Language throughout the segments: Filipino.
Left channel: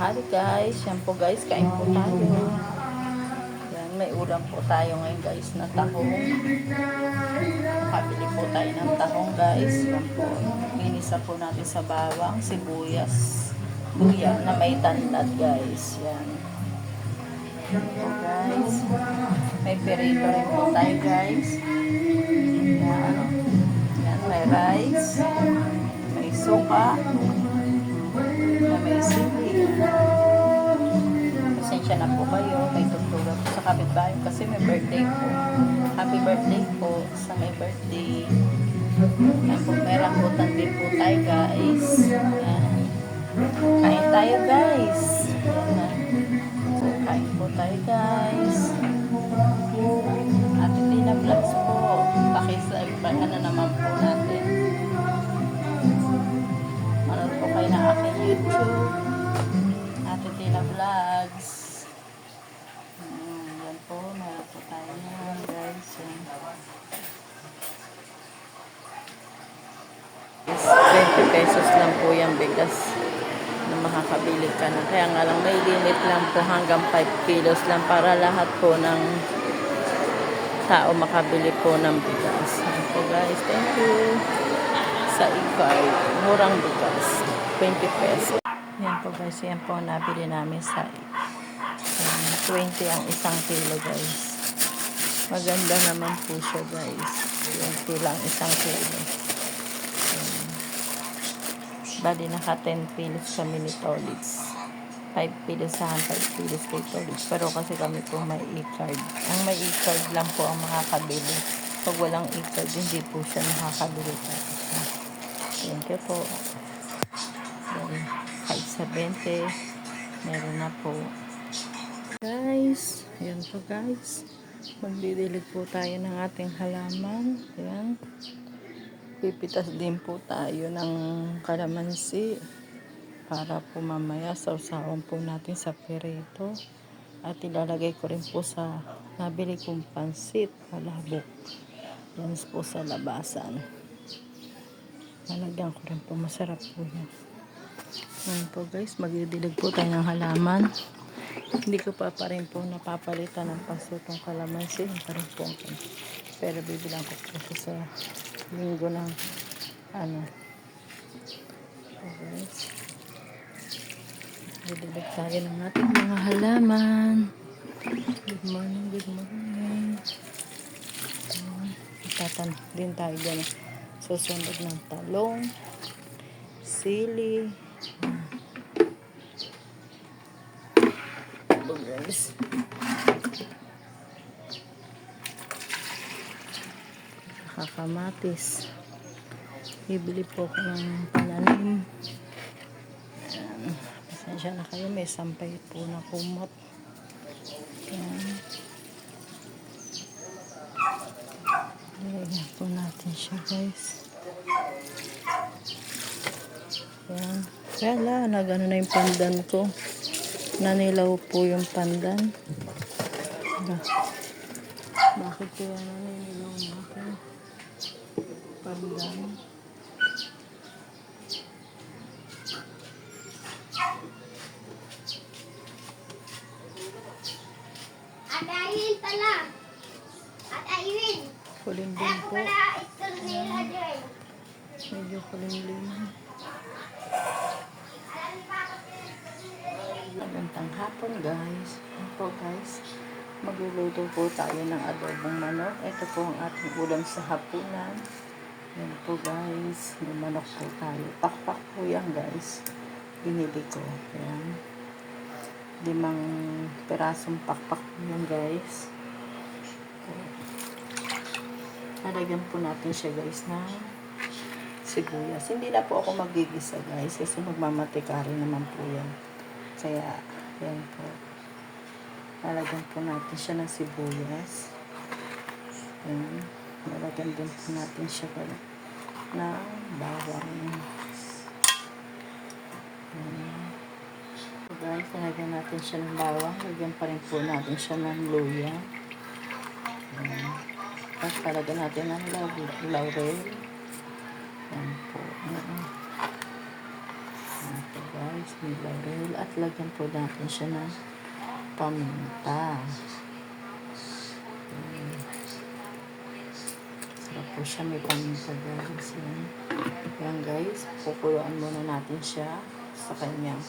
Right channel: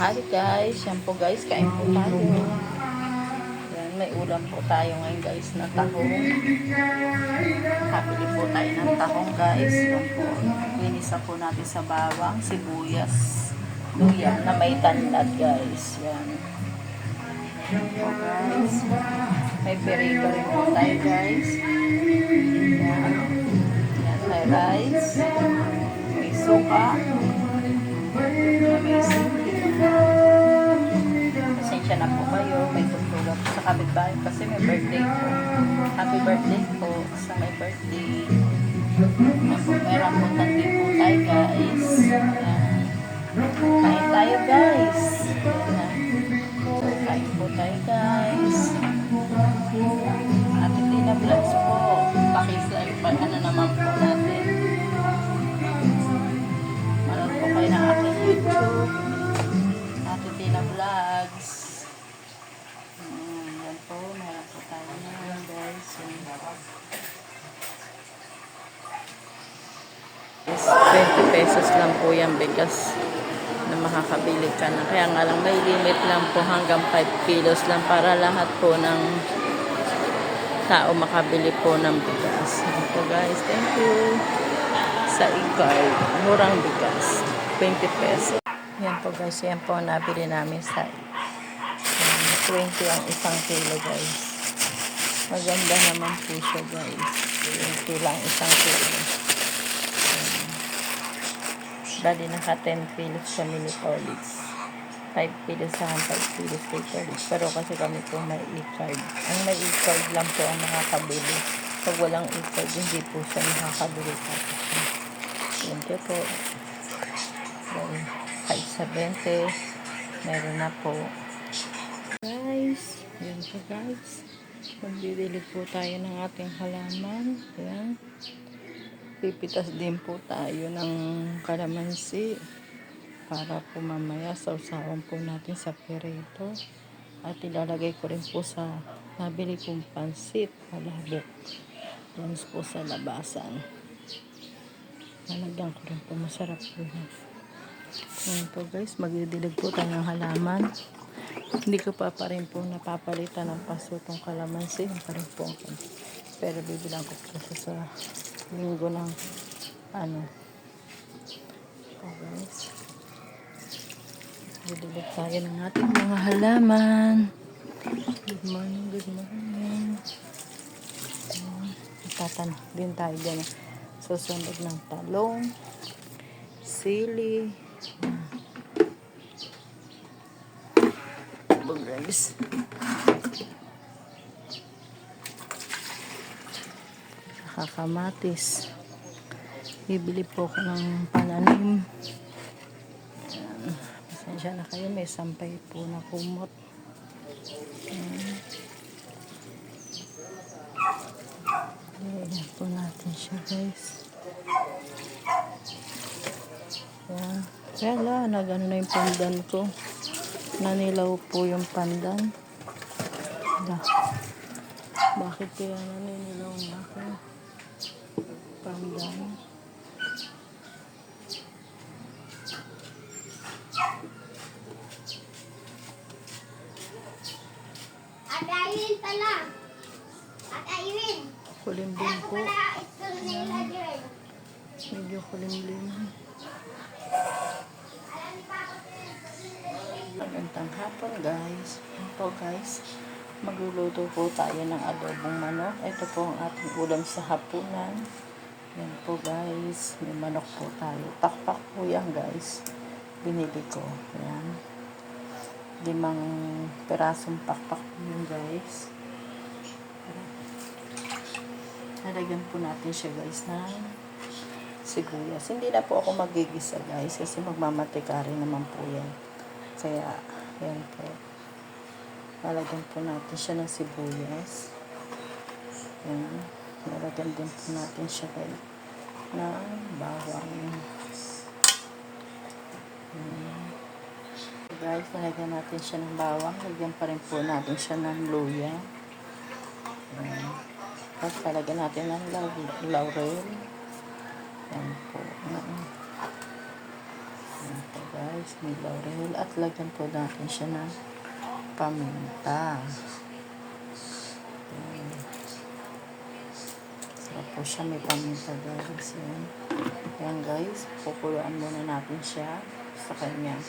Hi guys, yan po guys, kain po tayo. Yan, may ulam po tayo ngayon guys na tahong. Nakabili po tayo ng tahong guys. Yan po, inisa po natin sa bawang, sibuyas, luya na may tanlad guys. Yan. Yan po guys. May perito rin po tayo guys. Yan. Yan, may rice. May suka. May sili. Pasensya na po kayo, may tugtugan po sa kapitbahay kasi may birthday po. Happy birthday po sa may birthday. Yan po, may rambutan din po tayo guys. Yan. Kain tayo guys. Yan na. So, kain po tayo guys. At hindi na vlogs po. Pakislike pa ano naman po natin. Manood po kayo ng aking YouTube. Ate Tina Vlogs. Yan po, meron po tayo na guys. Yan. Is 20 pesos lang po yung bigas na makakabili ka na. Kaya nga lang may limit lang po hanggang 5 kilos lang para lahat po ng tao makabili po ng bigas. Yan po guys, thank you sa e-card. Murang bigas, 20 pesos. Yan po guys, yan po nabili namin sa 20 ang isang kilo guys. Maganda naman po siya guys. 20 lang isang kilo. Bali naka 10 kilos kami ni Tolix. 5 kilos sa 5 kilos kay Tolix. Pero kasi kami po may e-card. Ang may e-card lang po ang makakabili. Pag walang e-card, hindi po siya makakabili. Thank you po. Kahit sa 20, meron na po. Guys, yan po guys. Magdidilig po tayo ng ating halaman. Yan. Pipitas din po tayo ng kalamansi para po mamaya sausawan po natin sa perito. At ilalagay ko rin po sa nabili kong pansit, malabok. Yan po sa labasan. Nalagyan ko rin po, masarap po yan. Ngayon po guys, magdidilig po tayo ng halaman. Hindi ko pa rin po napapalitan ng paso itong kalamansi. Yung pa rin po. Pero bibilang ko po sa linggo ng ano. So guys, didilig tayo ng ating mga halaman. Good morning, good morning. Tatan din tayo dyan. Susunod ng talong, sili. So guys, nakakamatis. Bibili po ko ng pananim. Ayan. Pasensya na kayo, may sampay po na kumot. Ayan. Nilagyan po natin siya guys. Ayan. Kaya nagano na yung pandan ko. Nanilaw po yung pandan. Bakit kaya naninilaw ang aking pandan? At ayun pala. At ayun. Kulimlim po. Ayan. Medyo kulimlim. Magandang hapon guys. Ito guys, magluluto po tayo ng adobong manok. Ito po ang ating ulam sa hapunan. Yan po guys, may manok po tayo. Pakpak po yan guys. Binili ko. Yan. 5 perasong pakpak po yan guys. Nalagyan po natin siya guys na sibuyas. Hindi na po ako magigisa guys kasi magmamatika rin naman po yan. Kaya, yan po. Nalagyan po natin siya ng sibuyas. Yan. Nalagyan din po natin siya guys ng bawang. Yan. Guys, nalagyan natin siya ng bawang. Lagyan pa rin po natin siya ng luya. Yan. Tapos palagyan natin ng laurel. Yan po. Ayan po guys, may laurel. At lagyan po natin siya ng paminta. Ayan. Sarap po siya, may paminta guys. Ayan. Ayan guys, kukuluan muna natin siya sa kanyang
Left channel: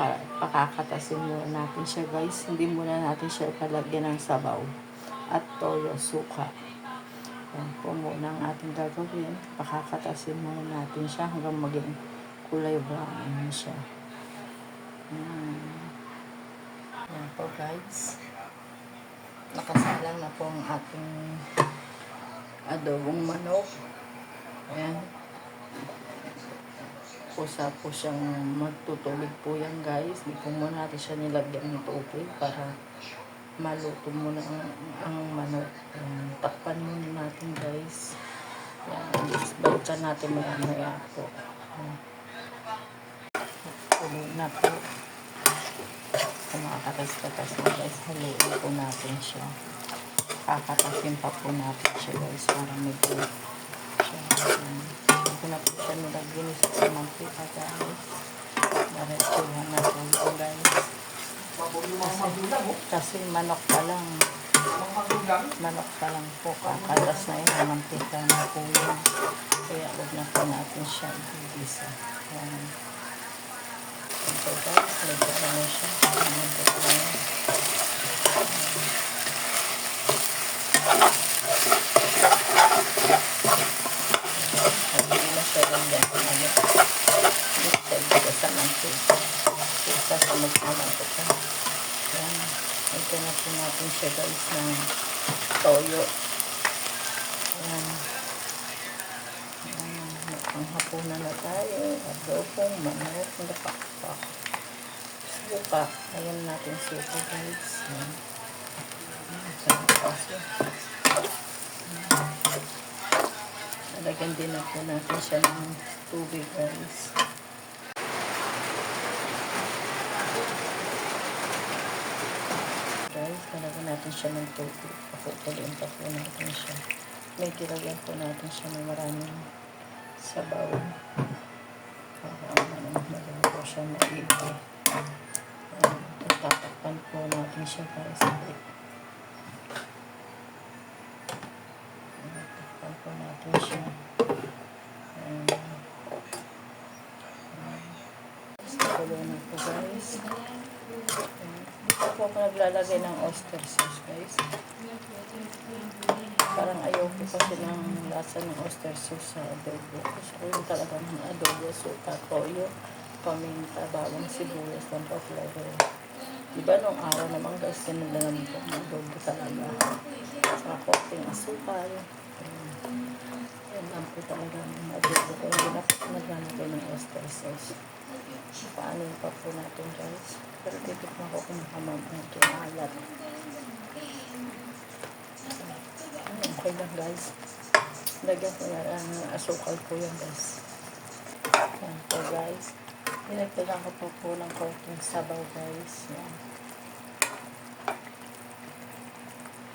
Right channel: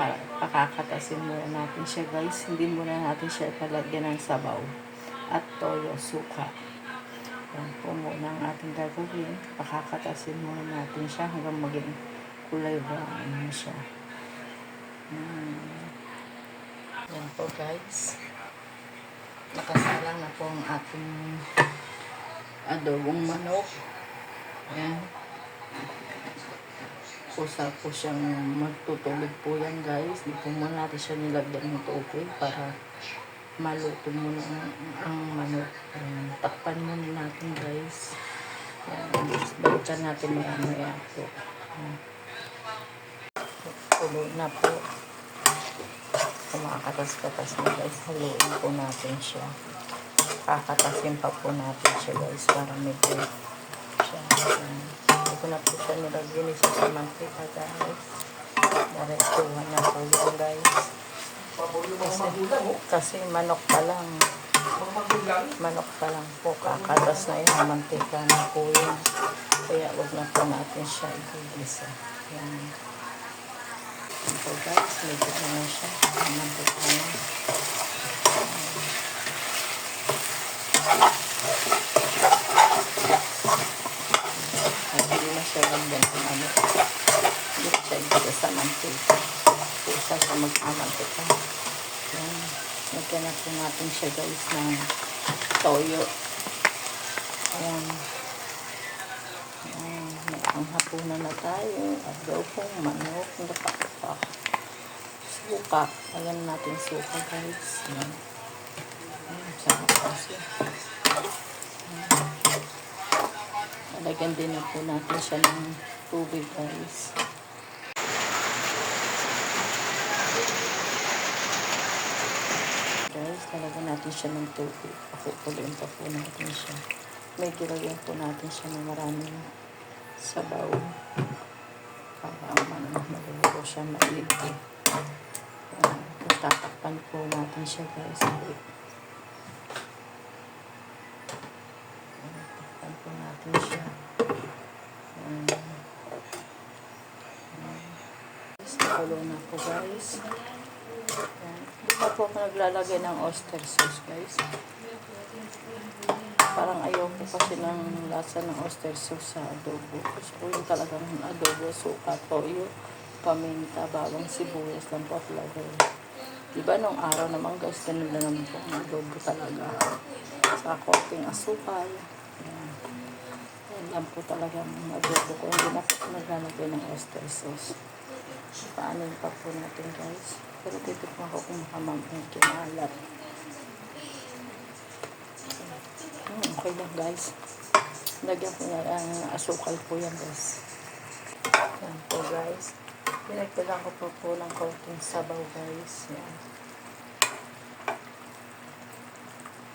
para pakakatasin muna natin siya guys. Hindi muna natin siya palagyan ng sabaw at toyo, suka. Yan po muna ang ating gagawin. Pakakatasin muna natin siya hanggang maging kulay brown siya. Yan po guys. Nakasalang na po ang ating adobong manok. Ayan. Kusa po siyang magtutubig po yan guys. Di po muna natin siya nilagyan ng tubig para maluto muna ang manok. Ayan. Takpan muna natin guys. Ayan. Balikan natin maya po. Ayan. Tulo na po. Kumakatas-katas na guys. Haluin po natin siya. Kakatasin pa po natin siya guys para medyo siya. Ito na po siya nilagyan isa sa mantika guys. Narestuhan na po yun guys. Kasi manok pa lang. Manok pa lang po. Kakatas na yun. Mantika na po yun. Kaya huwag na po natin siya igigisa. Yan. Ito guys. Medyo ano siya. Mantika na. Hindi na siya lagyan ng ano. Dito sa mantika. Isa sa magpamantika. Yan. Ito na po natin siya guys ng toyo. Ayan. Ayan. Ang hapunan na tayo. Adobong manok. Suka. Ayan natin suka guys. Ayan. Sarap kasi. Alagyan din na po natin siya ng tubig guys. Guys, talagyan natin siya ng tubig. Pakukuloyin pa po natin siya. May kilagyan po natin siya ng maraming sabaw. Para maluluto siya maigi. Tatakpan po natin siya guys. Tatakpan po natin siya. Kulo na po guys. Dito po ako naglalagay ng oyster sauce guys. Parang ayaw ko kasi ng lasa ng oyster sauce sa adobo. Gusto ko yung talagang adobo, suka, toyo, paminta, bawang sibuyas lang po at laurel. Diba nung araw naman guys, ganun na naman po ang adobo talaga. Sa konting asukal. Yan lang po talaga ang adobo ko. Hindi na po naglalagay ng oyster sauce. Paano yung pa po natin guys. Pero titikman ko kung medyo maalat. Okay lang guys. Lagyan ko na asukal po yan guys. Yan po guys. Dinagdagan ko po ng konting sabaw guys. Yan.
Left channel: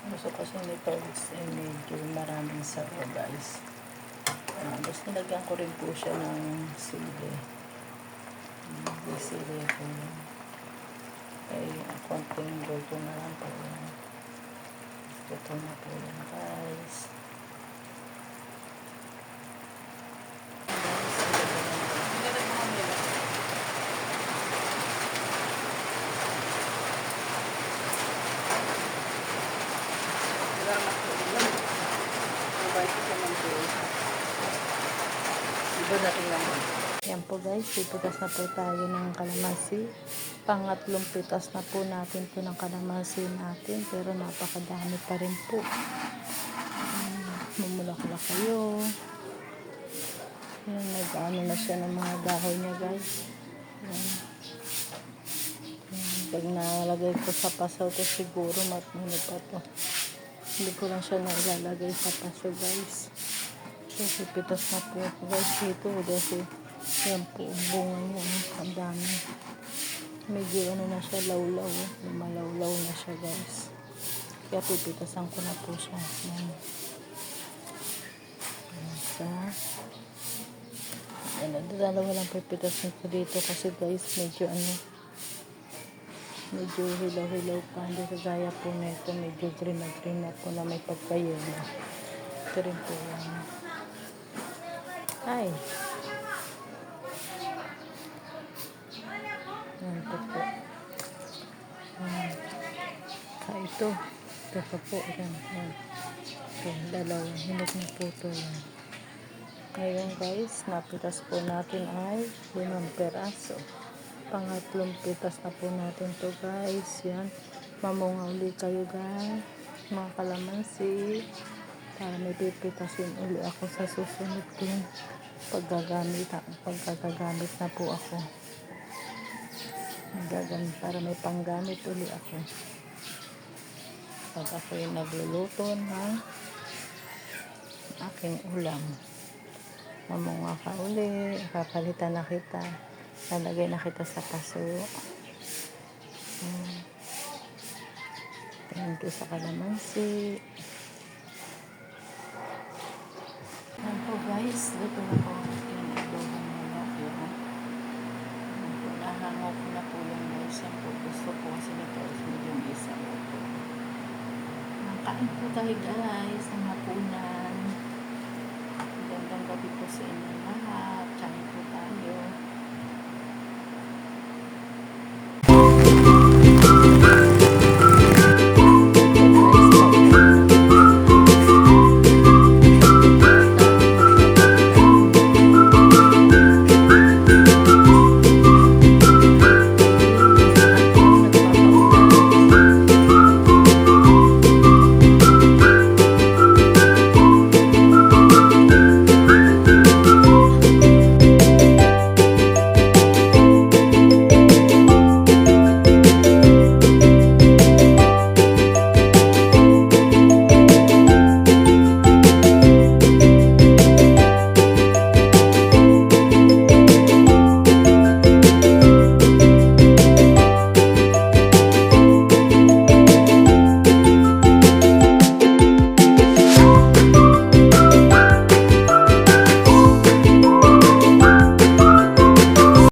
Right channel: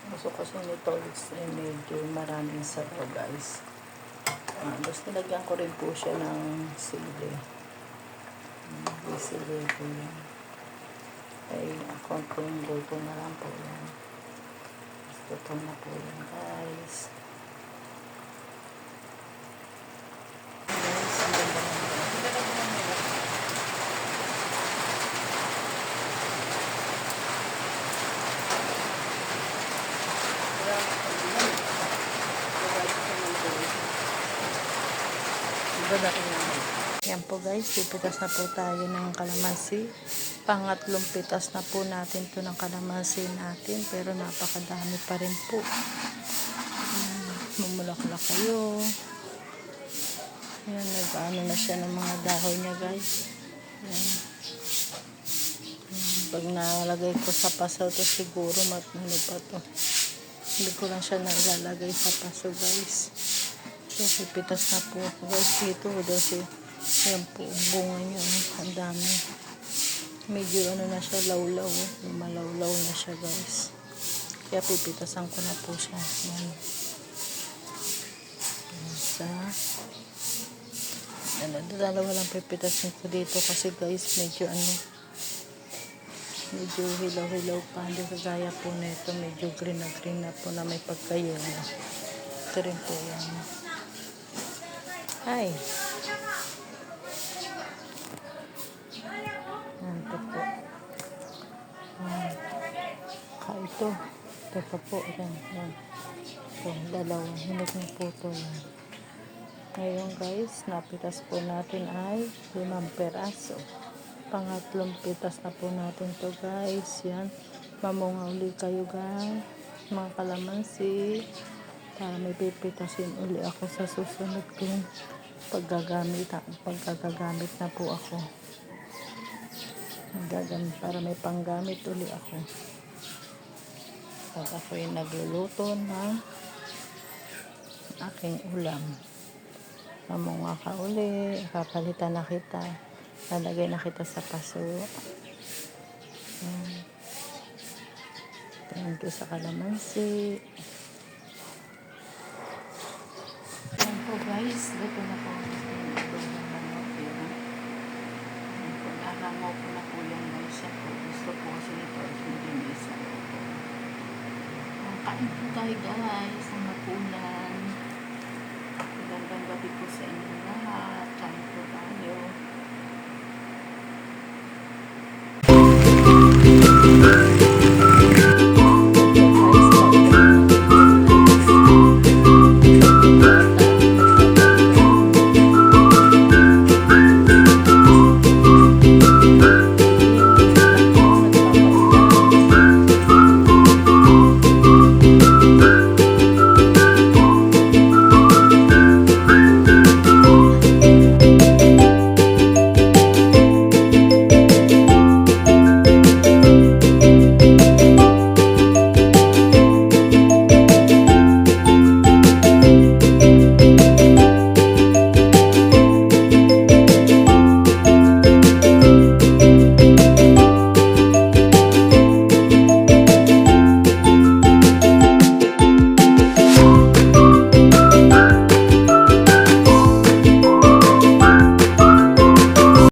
Gusto kasi nito medyo maraming sabaw guys. Tapos nilagyan ko rin po siya ng sili. Sili po yan. Ay, konting luto na lang po yan. Luto na po yan guys. Yan po guys, pipitas na po tayo ng kalamansi. Pangatlong pitas na po natin to ng kalamansi natin, pero napakadami pa rin po. Mumulaklak kayo. Yan, nag-ano na siya ng mga dahon niya guys. Yan. Yan. Pag nalagay ko sa pasaw to siguro matano pa to. Hindi ko lang siya nailalagay sa paso guys. So pipitas na po ako guys dito kasi yan po bunga niya. Ang dami. Medyo ano na siya lawlaw. Lumalawlaw na siya guys. Kaya pipitasan ko na po siya. Yan. Sa Dalawa lang pipitasin ko dito kasi guys, medyo hilaw-hilaw pa. Hindi kagaya po nito, medyo green na po na may pagkayelo. Ito rin po yan. Ay! Ito po. Ito. Ito pa po. Yan. Ito, dalawa. Hinog na po ito yan. Ngayon guys, napitas po natin ay 5 peraso. Pangatlong pitas na po natin to guys. Yan. Mamunga uli kayo guys. Mga kalamansi. Para may pipitasin uli ako sa susunod kong paggagamit na po ako. Para may panggamit uli ako. Pag ako yung nagluluto ng aking ulam. Mamunga ka uli, papalitan na kita, lalagay na kita sa paso. Thank you sa kalamansi. Yan po guys, luto na po yung adobong manok. Yan po, nahangaw ko na po yan guys. Yan po, gusto po kasi nito is medyo may sabaw po. Kain po tayo guys, ang hapunan. Magandang gabi po sa inyong lahat. Kain po tayo.